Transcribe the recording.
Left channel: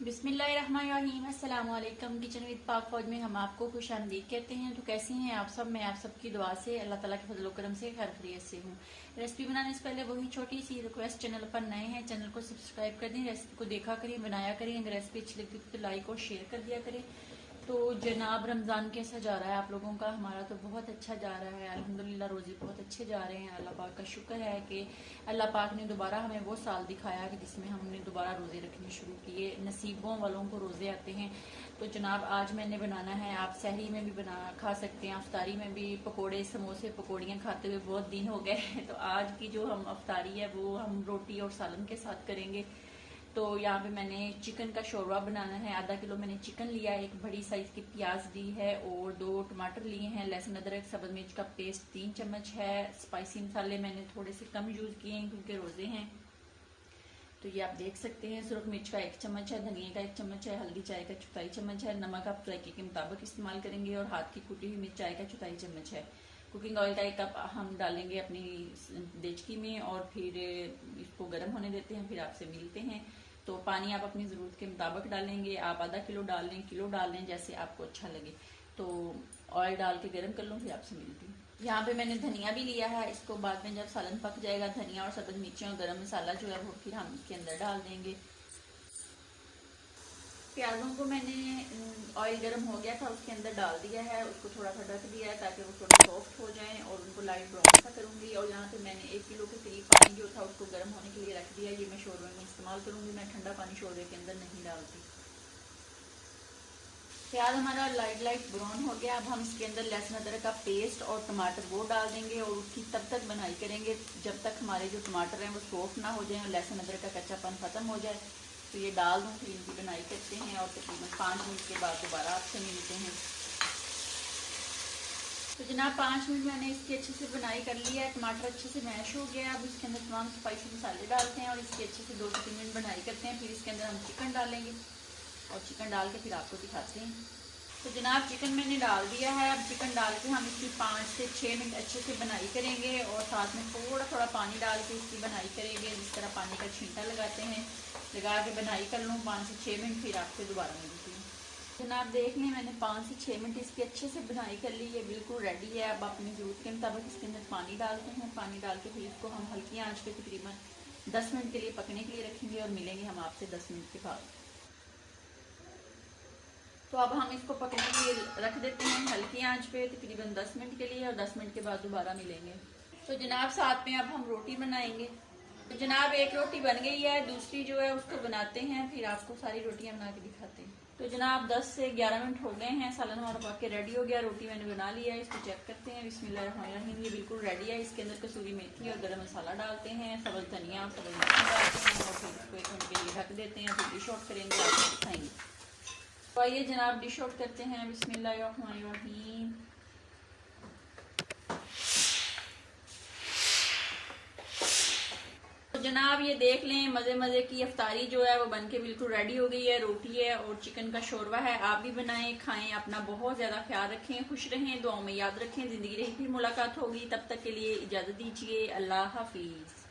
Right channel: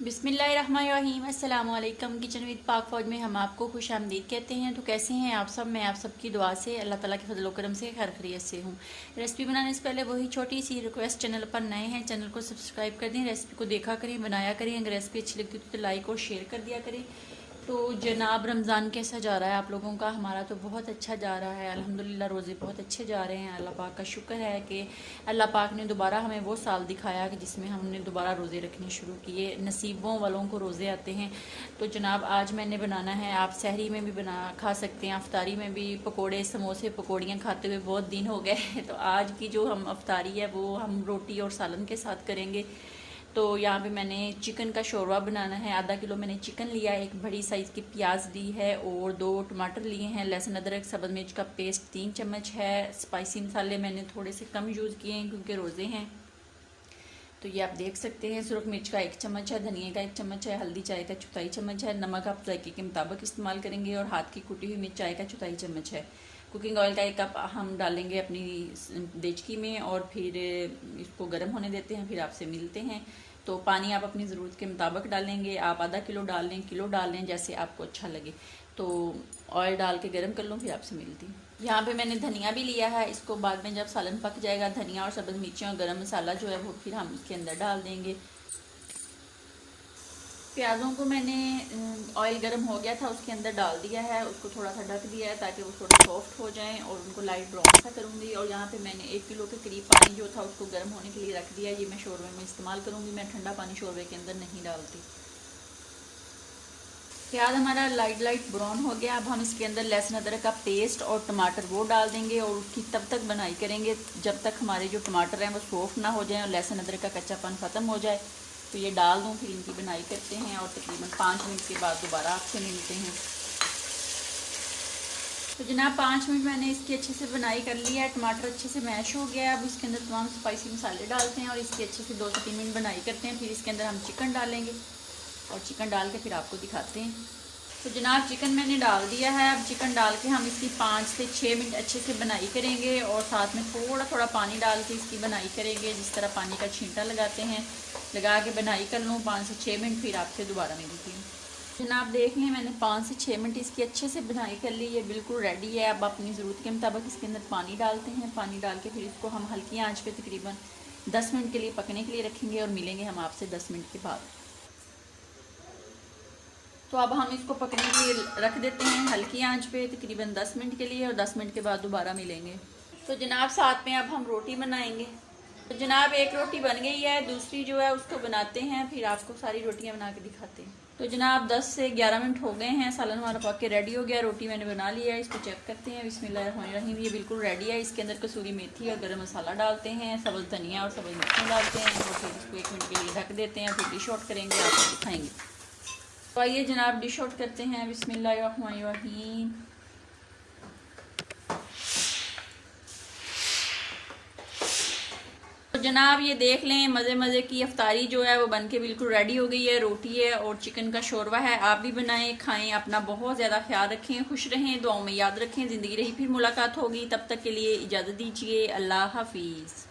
बिस्मिल्लाहिर्रहमानिर्रहीम अस्सलाम वालेकुम। किचन विद पाक फौज में हम आपको खुश आमदीद कहते हैं। तो कैसे हैं आप सब? मैं आप सबकी दुआ से अल्लाह ताला के फजल करम से खैर खैरियत से हूँ। रेसिपी बनाने से पहले वही छोटी सी रिक्वेस्ट, चैनल पर नए हैं चैनल को सब्सक्राइब कर दें, रेसिपी को देखा करें, बनाया करें। अगर रेसिपी अच्छी लगती है तो लाइक और शेयर कर दिया करें। तो जनाब रमज़ान कैसा जा रहा है आप लोगों का? हमारा तो बहुत अच्छा जा रहा है अल्हम्दुलिल्लाह। रोज़े बहुत अच्छे जा रहे हैं। अल्लाह पाक का शुक्र है कि अल्लाह पाक ने दोबारा हमें वो साल दिखाया कि जिसमें हमने दोबारा रोज़े रखने शुरू किए। नसीबों वालों को रोज़े आते हैं। तो जनाब आज मैंने बनाना है, आप सहरी में भी बना खा सकते हैं, अफ्तारी में भी। पकोड़े समोसे पकौड़ियाँ खाते हुए बहुत दिन हो गए तो आज की जो हम अफ्तारी है वो हम रोटी और सालन के साथ करेंगे। तो यहाँ पे मैंने चिकन का शोरवा बनाना है। आधा किलो मैंने चिकन लिया है, एक बड़ी साइज़ की प्याज ली है और 2 टमाटर लिए हैं। लहसुन अदरक सब्ज़ मिर्च का पेस्ट 3 चम्मच है। स्पाइसी मसाले मैंने थोड़े से कम यूज़ किए हैं क्योंकि रोज़े हैं। तो ये आप देख सकते हैं। सुरख मिर्च का 1 चम्मच है, धनिया का 1 चम्मच है, हल्दी चाय का 1/4 चम्मच है, नमक आप जायके के मुताबिक इस्तेमाल करेंगे और हाथ की कुटी हुई मिर्च चाय का 1/4 चम्मच है। कुकिंग ऑयल का 1 कप हम डालेंगे अपनी देचकी में और फिर इसको गर्म होने देते हैं। फिर आपसे मिलते हैं। तो पानी आप अपनी ज़रूरत के मुताबिक डालेंगे। आप आधा किलो डाल लें, किलो डाल लें, जैसे आपको अच्छा लगे। तो ऑयल डाल के गर्म कर लूँ, फिर आपसे मिलती हूँ। यहाँ पे मैंने धनिया भी लिया है। इसको बाद में जब सालन पक जाएगा, धनिया और सब्ज़ मिर्चें और गरम मसाला जो है वो फिर हम इसके अंदर डाल देंगे। प्याज़ों को मैंने ऑयल गर्म हो गया था उसके अंदर डाल दिया है, उसको थोड़ा सा ढक दिया है ताकि वो थोड़े सॉफ्ट हो जाएं और उनको लाइट ब्राउन सा करूँगी। और यहाँ पे मैंने 1 किलो के करीब पानी जो था उसको गर्म होने के लिए रख दिया। ये मैं शोरबे में इस्तेमाल करूँगी। मैं ठंडा पानी शोरबे के अंदर नहीं डालती। प्याज हमारा लाइट ब्राउन हो गया। अब हम इसके अंदर लहसुन अदरक का पेस्ट और टमाटर वो डाल देंगे और उसकी तब तक बनाई करेंगे जब तक हमारे जो टमाटर हैं वो सॉफ्ट ना हो जाएं और लहसुन अदरक का कच्चापन ख़त्म हो जाए। तो ये डाल दूँ, फिर इनकी बनाई करते हैं और तकरीबन 5 मिनट के बाद दोबारा आपसे मिलते हैं। तो जनाब 5 मिनट मैंने इसकी अच्छे से बनाई कर ली है। टमाटर अच्छे से मैश हो गया। अब इसके अंदर तमाम स्पाइसी मसाले डालते हैं और इसकी अच्छे से 2 से 3 मिनट बनाई करते हैं। फिर इसके अंदर हम चिकन डालेंगे और चिकन डाल के फिर आपको दिखाते हैं। तो जनाब चिकन मैंने डाल दिया है। अब चिकन डाल के हम इसकी 5 से 6 मिनट अच्छे से बनाई करेंगे और साथ में थोड़ा थोड़ा पानी डाल के इसकी बनाई करेंगे, जिस तरह पानी का छींटा लगाते हैं, लगा के बनाई कर लूँ 5 से 6 मिनट। फिर आपसे दोबारा मिलती हूँ। जनाब देख लें मैंने 5 से 6 मिनट इसकी अच्छे से बनाई कर ली। ये बिल्कुल रेडी है। अब अपनी ज़रूरत के मुताबिक इसके अंदर पानी डालते हैं। पानी डाल के फिर इसको हम हल्की आंच पे तकरीबन 10 मिनट के लिए पकने के लिए रखेंगे और मिलेंगे हम आपसे 10 मिनट के बाद। तो अब हम इसको पकने के लिए रख देते हैं हल्की आंच पे तकरीबन 10 मिनट के लिए और 10 मिनट के बाद दोबारा मिलेंगे। तो जनाब साथ में अब हम रोटी बनाएंगे। तो जनाब एक रोटी बन गई है, दूसरी जो है उसको बनाते हैं, फिर आपको सारी रोटियां बना के दिखाते हैं। तो जनाब 10 से 11 मिनट हो गए हैं। सालन हमारा पक के रेडी हो गया। रोटी मैंने बना ली है, इसको चेक करते हैं। बिस्मिल्लाहिर्रहमानिर्रहीम। ये बिल्कुल रेडी है। इसके अंदर कसूरी मेथी और गरम मसाला डालते हैं, सब्ज़ धनिया और सब्ज़ मिर्ची डालते हैं और फिर इसको 1 मिनट के लिए ढक देते हैं। फिर डिश आउट करेंगे, आपको दिखाएंगे। तो आइए जनाब डिश आउट करते हैं। बिस्मिल्लाहिर्रहमानिर्रहीम। तो जनाब ये देख लें, मज़े मज़े की अफ्तारी जो है वो बनके बिल्कुल रेडी हो गई है। रोटी है और चिकन का शोरवा है। आप भी बनाएं, खाएं, अपना बहुत ज़्यादा ख्याल रखें, खुश रहें, दुआओं में याद रखें। ज़िंदगी रही फिर मुलाकात होगी, तब तक के लिए इजाज़त दीजिए। अल्लाह हाफिज़।